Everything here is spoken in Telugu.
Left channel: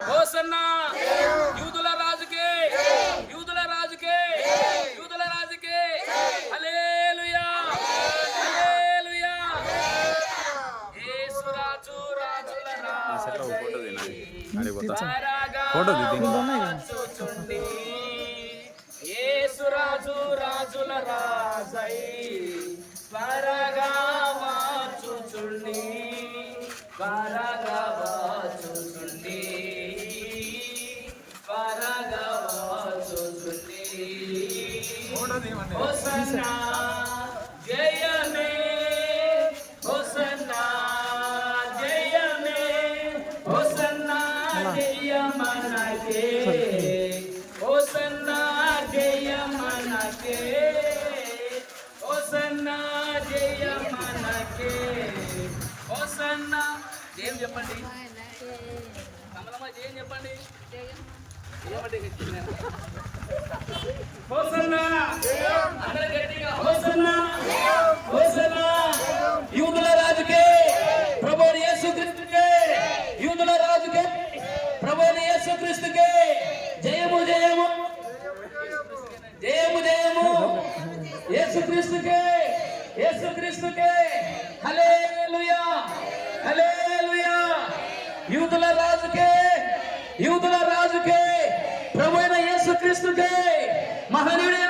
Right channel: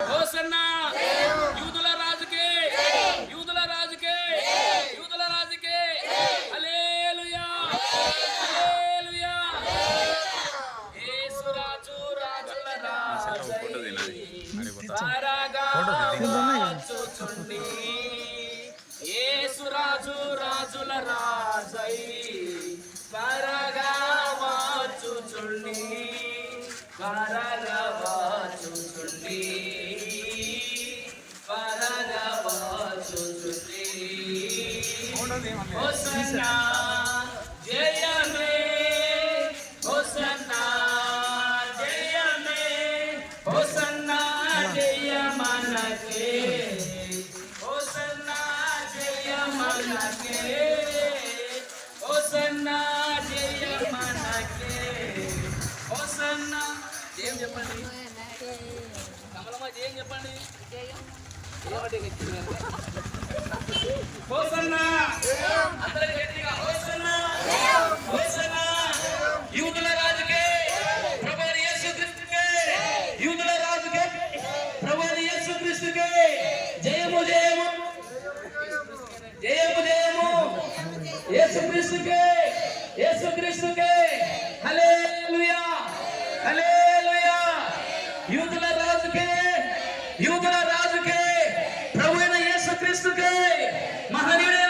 హోసన్నా యూదుల రాజుకే, యూదుల రాజుకే, యూదుల రాజుకే. హల్లెలూయా, హల్లెలూయా. యేసు రాజు రాజుల రాజై త్వరగా వచ్చుచుండి. యేసు రాజు రాజుల రాజై త్వరగా వచ్చుచుండి, త్వరగా వచ్చుచుండి, త్వరగా వచ్చుచుండి. హోసన్నా జయమే, హోసన్నా జయమే, హోసన్నా జయమనకే, హోసన్నా జయమనకే, హోసన్నా జయమనకే. హోసన్నా ఏం చెప్పండి, కమలమ్మ ఏం చెప్పండి, హోసన్నా అందరూ గట్టిగా హోసన్నా, హోసన్నా యూదుల రాజుకే, ప్రభువైన యేసుక్రీస్తుకే, యూదుల రాజుకే, ప్రభువైన యేసుక్రీస్తుకే జయము జయము, జయము జయము యేసుక్రీస్తుకే, యేసుక్రీస్తుకే. హల్లెలూయా, హల్లెలూయా. యూదుల రాజుకే, యూదుల రాజుకే, ప్రభువైన యేసుక్రీస్తుకే, మహనీయుడే